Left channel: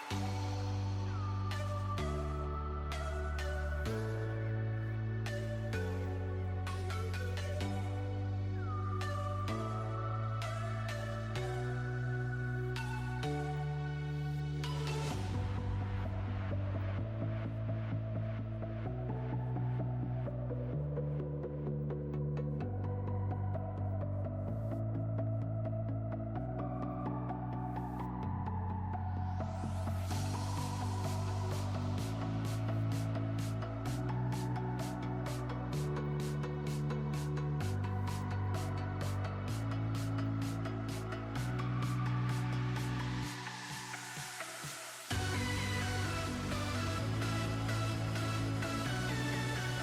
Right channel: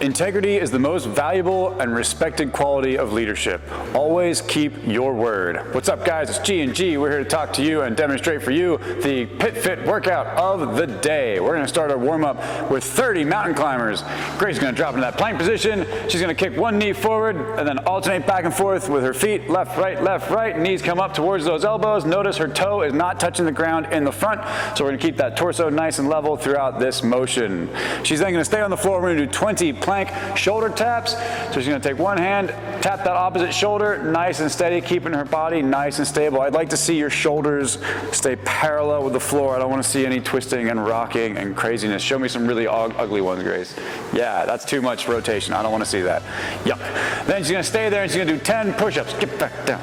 Integrity is the most valuable and respected quality of leadership. Always keep your word. What's up, guys? It's G&G. We're here to talk to you and demonstrate for you the Pit Fit workout of the day. We're going to start our warm-up with 30 mountain climbers. Grace is going to drop into that plank position. She's going to kick one knee forward and then alternate back and forth with her feet, left, right. Knees come up towards those elbows. Notice her toe is not touching the ground in the front, so we're going to keep that torso nice and level throughout this motion. She's then going to stay on the floor. We're going to do 20 plank shoulder taps. So she's going to take one hand, tap that opposite shoulder, nice and steady, keeping her body nice and stable. I'd like to see your shoulders stay parallel with the floor. I don't want to see any twisting and rocking and craziness. Show me some really ugly ones, Grace. Yeah, that's too much rotation. I don't want to see that. Yep. Then she's going to stay there and she's going to do 10 push-ups. Get back down.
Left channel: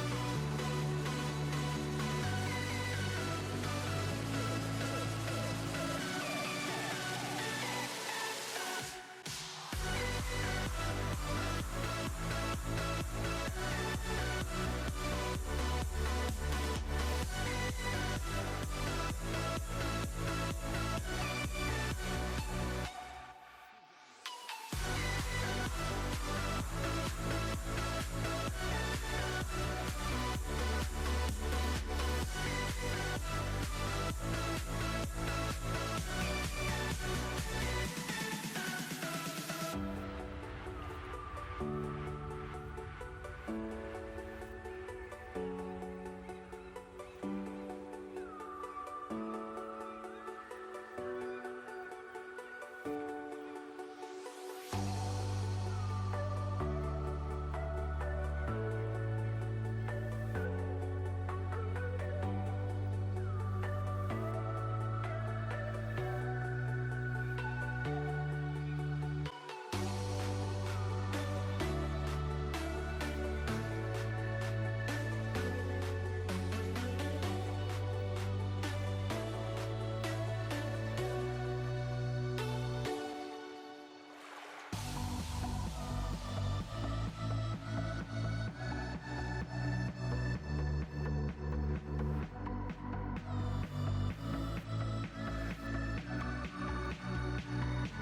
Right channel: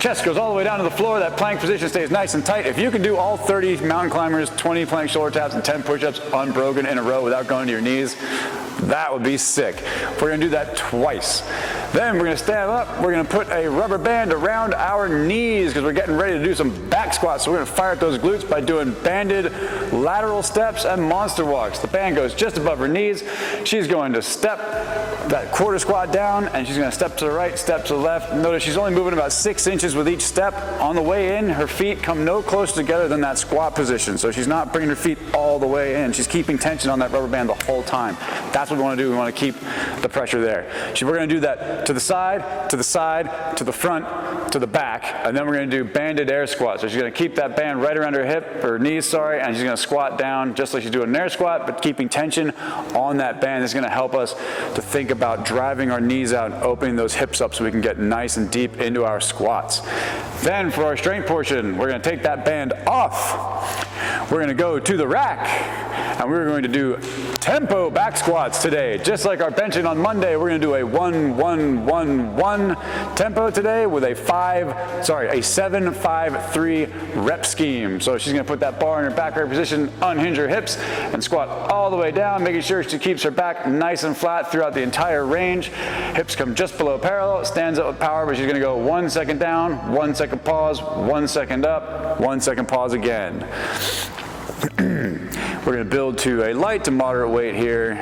Chest goes all the way down to the floor. That plank position stays nice and tight. If you can do all 30 mountain climbers, 20 plank shoulder taps, and 10 push-ups unbroken in a row without going to your knees, that would be sick. We're going to do that twice. Then we're going to stand up. We're going to put a rubber band around our knees because we're getting ready to do some back squats. So we're going to fire at those glutes by doing banded lateral steps and monster walks. The band goes just above her knees. She's going to step that quarter squat down, and she's going to step to the right, step to the left. Notice she's only moving about 6 inches with each step. On the way in, her feet come no closer together than that squat position. So she's not bringing her feet all the way in. She's keeping tension on that rubber band the whole time. That's what we want to do. We want to keep the pressure there. We're going to do that to the side, to the side, to the front, to the back, and then we're going to do banded air squats. So she's going to keep that band right around her hip, or knees, sorry, and she's going to squat down just like she's doing an air squat, but keeping tension on that band. This is going to help us to think about driving our knees out and opening those hips up so we can get nice and deep into our squats. Then for our strength portion, we're going to take that band off. We're going to go to the rack, and we're going to do tempo back squats today. Just like our benching on Monday, we're going to do a 1-1-1-1 tempo today with a 7-5-3 rep scheme. So she's going to put that bar in her back rack position, unhinge her hips, and squat all the way down, making sure she keeps her back nice and flat throughout the entire range. Hips come just below parallel, stands up with power, but she's going to go 1 second down, 1 second pause, 1 second up, 1 second pause again. We're going to build to a light to moderate weight here,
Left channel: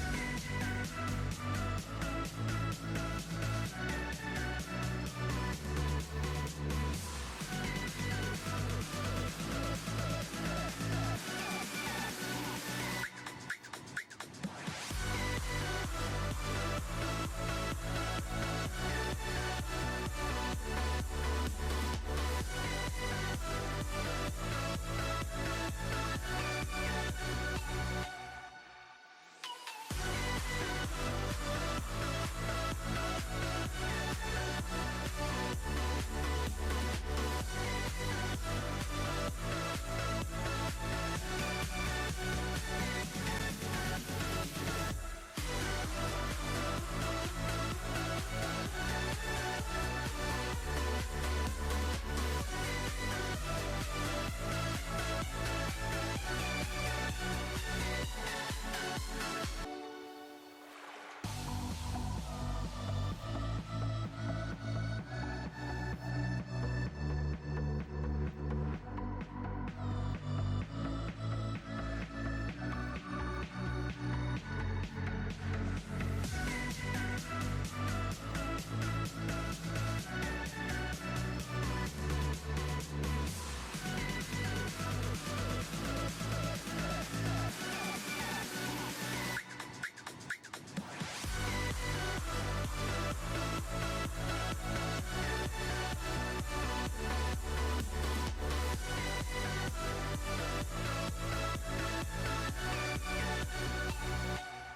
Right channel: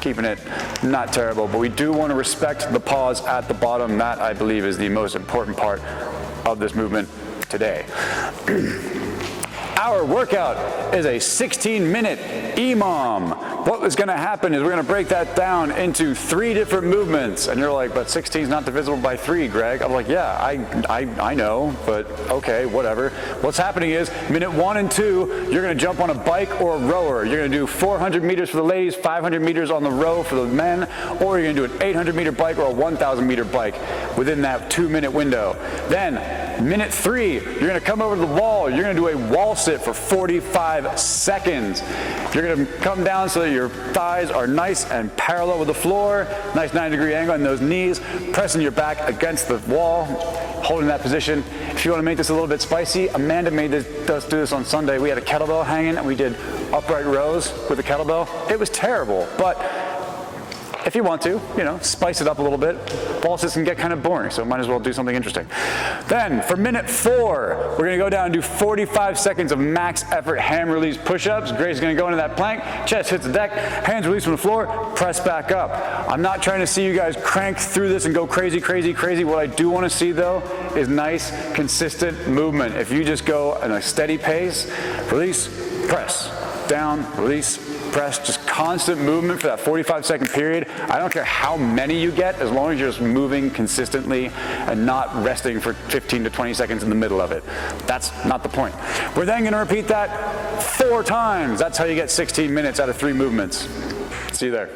keeping it not terrible, but we do want to respect the pause at the bottom. That, I believe, is the most important part of this movement today. Our workout is a 16-minute EMOM. What is going to happen is we're going to break that down into 3 different movements. And you're like, but 16 is not divisible by 3, Greg. I'm like, yeah, I know, but okay, whatever. What's happening is minute 1 and 2, you're going to jump on a bike or a rower. You're going to do 400 meters for the ladies, 500 meters on the row for the men, or you're going to do an 800-meter bike or a 1,000-meter bike within that 2-minute window. Then minute 3, you're going to come over to the wall. You're going to do a wall sit for 45 seconds. You're going to come down so that your thighs are nice and parallel with the floor, nice 90-degree angle on those knees, pressing your back against the wall, holding that position. If you want to make this a little bit spicy, Amanda made us do this on Sunday. We had a kettlebell hanging and we did upright rows with the kettlebell. It was terrible, but if you want to, spice it up a little bit. Wall sits can get kind of boring, so might as well do something interesting. Then, for minute 4, we're going to go down and do 45 seconds of max effort hand release push-ups. Grace is going to go into that plank, chest hits the deck, hands release from the floor, press back up. I'm not trying to see you guys crank through this and go crazy, crazy, crazy. What I do want to see, though, is nice, consistent movement. If you just go at a steady pace, release, press, down, release, press, just constant movement for that 45-second period. I don't care how many you get, as long as you're just moving consistently and not resting for 15 to 20 seconds in the middle of it. That's not the point. We're then going to repeat that 4 times. That's how you get 16 minutes out of 3 movements. See you there.